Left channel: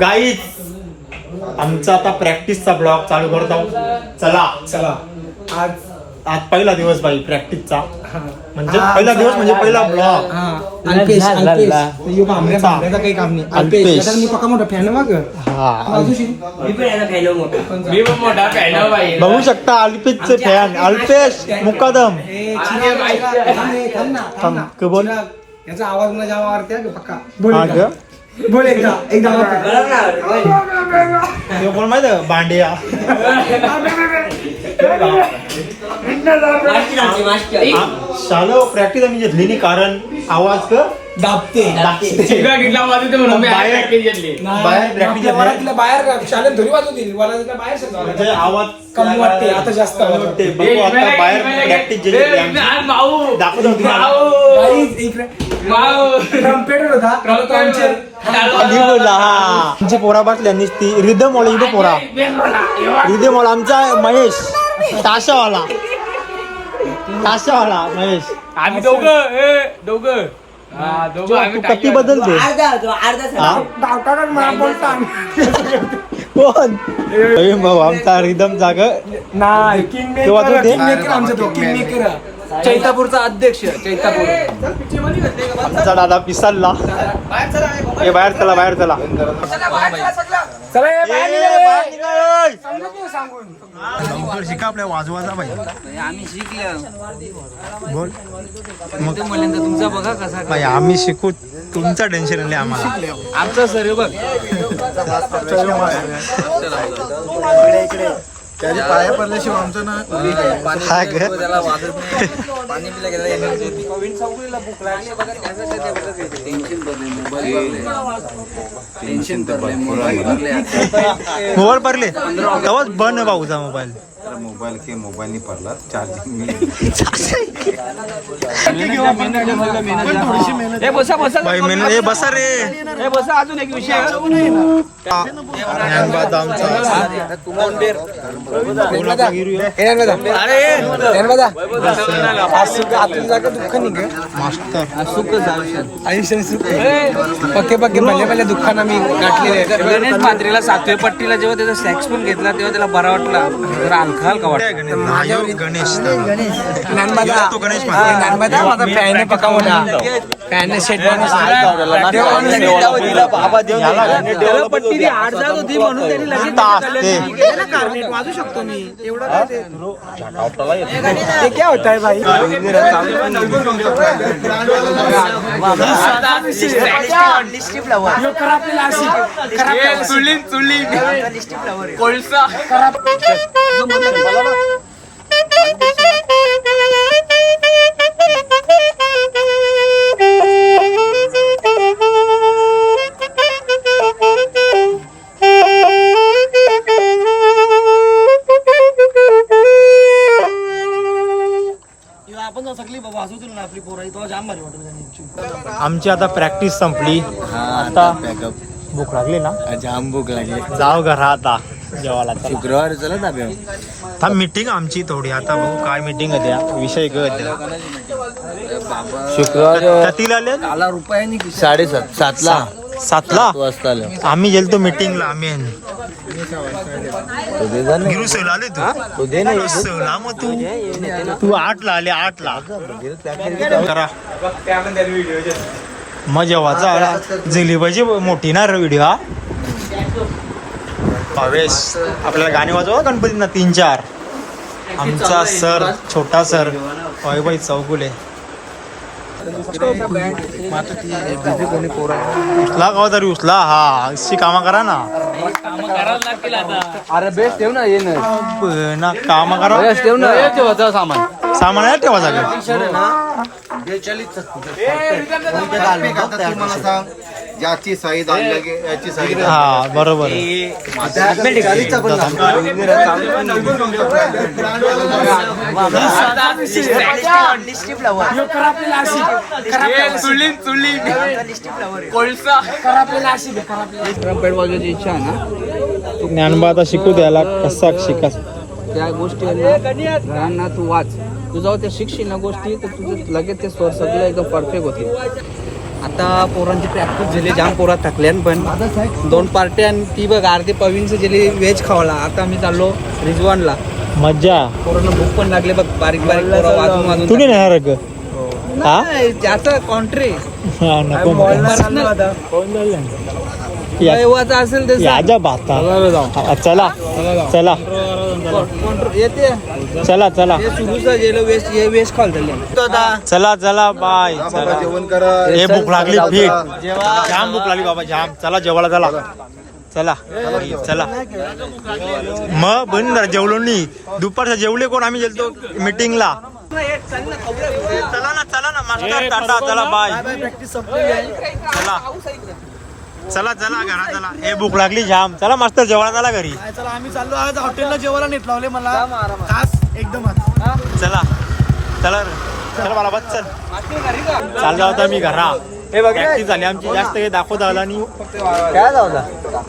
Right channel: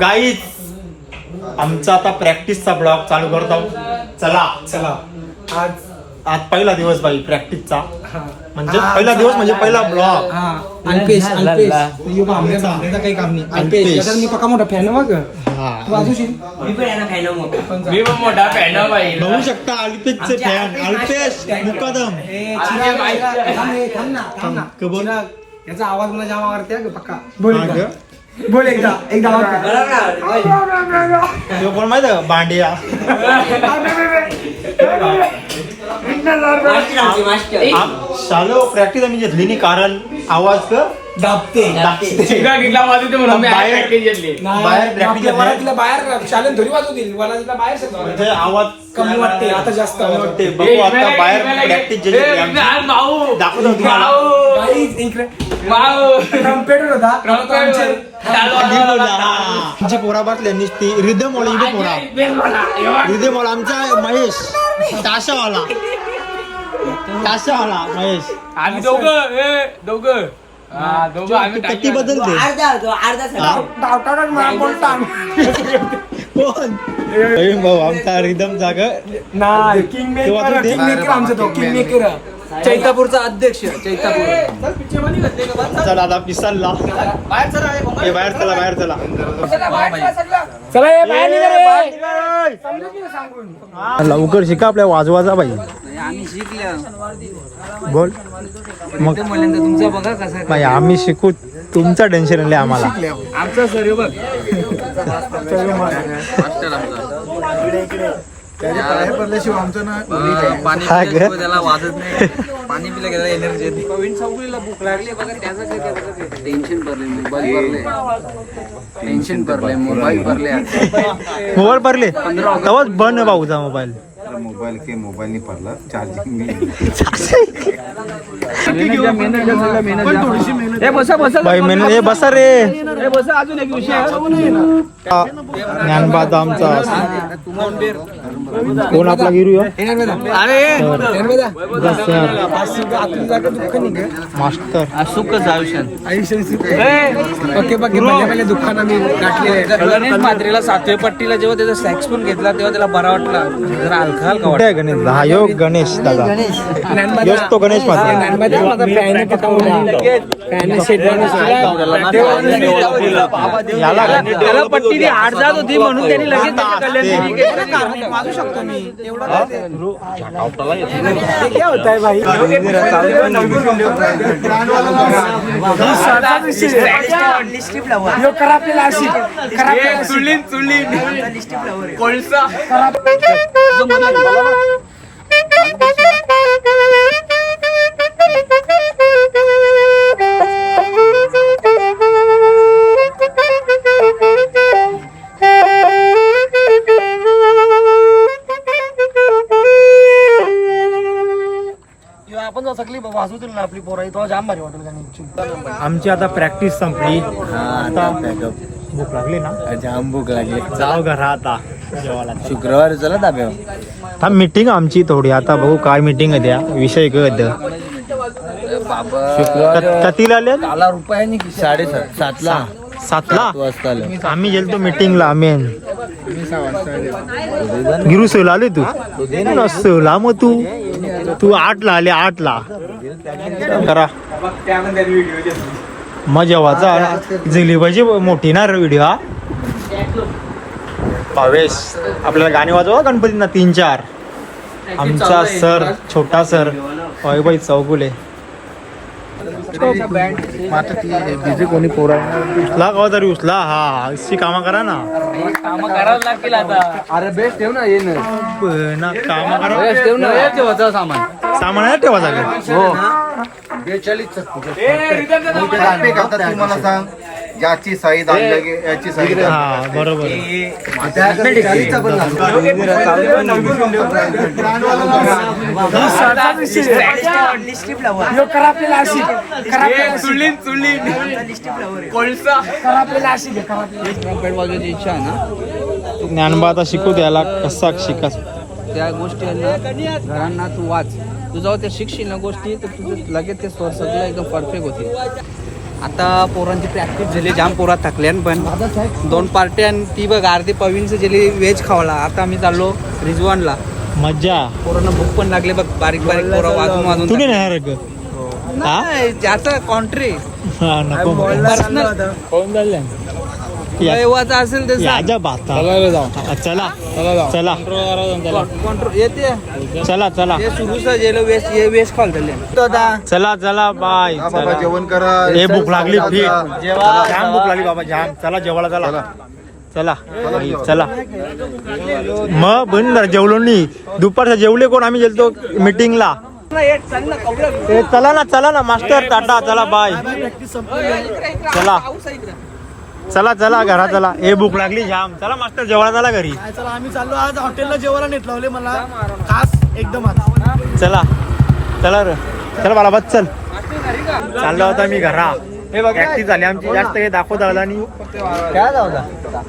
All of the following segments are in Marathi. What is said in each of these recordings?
गाईज आमचा आता प्रॅक्टिसचा ब्लॉग चालू करत आहोत. चला आज पहिला दिवस बाई प्रॅक्टिसचा, म्हणजे पहिला दिवस म्हणजे पहिला ब्लॉग. काही काम नाही. मी पक्का मोठा फॅन बघ. मी पण मोठा फॅन बाई. बघू शकता अल्पेशचे फॅन अल्पेश मुकादम. बोल याचा आवाज मला जावा आवडते पक्का. बोल एकदा कोण माहिती का भांडिया. शालो प्रॅक्टिस आम्ही घेतली नाही कारण आवाज दाबते. बाहेर शाळेत धरी वाजवतील बाहेर म्हणजे आवाज कमी वाटते. आता जास्त वाटते. बघू आता बाहेर प्रॅक्टिस दाखवतो तुम्हाला. ट्रम्पेटर होता. आमची पोरा बसल्या नुसती रिदम वाला इथे पोरा रिदम वाला आमचा महेश ताशावाला महेश. आम्ही दोघं कती बदलते कोण भाऊ आमचा रिदम जाग चैतापूरचा अध्यक्ष. चैतापूर आमचा दादा पिसालला. हे बाहेर चला लवकर शिका आपल्या वाजवाचा बाई. आम्ही शिकलो. बोल मग तुमचा बघा कसा बाई आम्ही शिकू. तुमचं टेन्शन नाही आम्हाला. आमचा सर बघ पाया पडल्याशिवाय आमचं ना त्याला वाजत नाही. पाणी पिलं गेलं एनर्जी. भूक लागली बघा त्याचा टेन्शन भरले. मोबाईल भरले तेव्हाच बंद भाऊचा मोबाईल. मोबाईल नहीं पडला चार्जिंग नहीं. बाई मेहनत हे बसा रे. अजून एक विषय ज्ञानबाद आमचा कोण आपला गिरू मास्टर गणेश म्हात्रेला 7व्या पट्टीला जेव्हा त्याचा सॅक्स पण घेतला तेव्हा त्याला बरा वाटला. जरा हलका हलका वाटला. गणेश हा यो गणेश दादा तो गणेश म्हात्रे पक्का याला पट्टी आठ जात होती म्हणून त्यांनी वाजू शकतो मी. एवढं काय ते क्या होत आहे भाई. कोळसा आपण सकली वाजवतील ना आपली पोरा. तो जाम भारी वाटेल. आमची आता प्रॅक्टिस संपली. आता भूक लागली ना. जाम भूक लागली. जाऊ घरा आता जेवायला. शुक्रवार चला दाबे. था मीटिंग आमची थोडी आता भाऊ काय मीटिंग आहे त्या विषय कतीला आले. काला रुपयानी 7:30 7ला आम्ही गेलतो मीटिंगला. मेन गिरू सेला आले तू सेला मग तू 8ला आले. 8ला करा मग जेवाचा जिलेबाची मोठी ना व्हिडिओ. हा भावेश आपल्याला गाणे वाजवा गणपतींना 3-4. आमचा सर छोटा सर वैभव चौगुले. कोणी पोरा उचला का तरी उचला. हा अशी कामं करा ना. काम करावं लागतील आता. अरे बेस्ट ठेव ना. ये ना कामं करा. ठेव ना. ठेवायचं सामान आहे ठेवा सगळं. तू मला सांग याची साईज अलग याची साईज. हा बरोबर. कोळसा ट्रम्पेट वाजवायची इच्छा आहे ना. ज्ञानबा आता शिकू द्यायला कसा शिका. त्या गोष्टी घरांना तू वाच. तू जाऊ त्या शिकशील ना गोष्टी तर तुझं लगेच ते स्वर सगळं एकदम परफेक्ट होतील. आता पोरांची प्रॅक्टिस झाली जाम पोरात थकल्यान पण 2 पार्ट्या आणि ती बघ अर्धी पवीनचं गेली व्हेज खावला. आता आम्ही चाललो रिजवानला. मज्जा. पोरांना भूक पण लागले बघ बारीक बारीक पोरं वाजून तू नाही येणार ग? नाही ज्याचं कॉन्ट्री हा, नको दैवाचा असेल तसं याच्या भाता. चला चला कॉन्ट्री येते चला चला हे सुरूच गेलं वेस्ट हे वेस्ट खाल चला चला बाय. हा बाबा चला जेवण करा. हे भूक लागली फिट. जाम भूक लागली बाबा जाम. चला जेवायला चला. चला बाई चला. मग बंद जेवलो नाही. दुपारचं जेवले कोण? आम्ही गेलतो मीटिंगला. चला ना मास्टर टाटा. चला बाय. चला चला चला घरा चला. हे भूक लागली जाम. चला मास्टर जेवायला चला घरी. चला आम्ही चाललो आज हॉटेलला जेवायला नेट लावले मला खास एकदम आज. चला चला रे. चल मला बस चल. चालला होता मी घरा. प्रॅक्टिस झाली आमची. जास्त काही दाखवता आला नाही.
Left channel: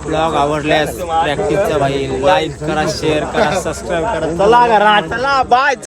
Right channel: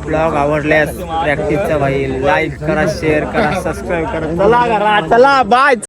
ब्लॉग आवडल्यास प्रॅक्टिसचा भाई लाईक करा, शेअर करा, सबस्क्राईब करा. चला घरा चला बाय.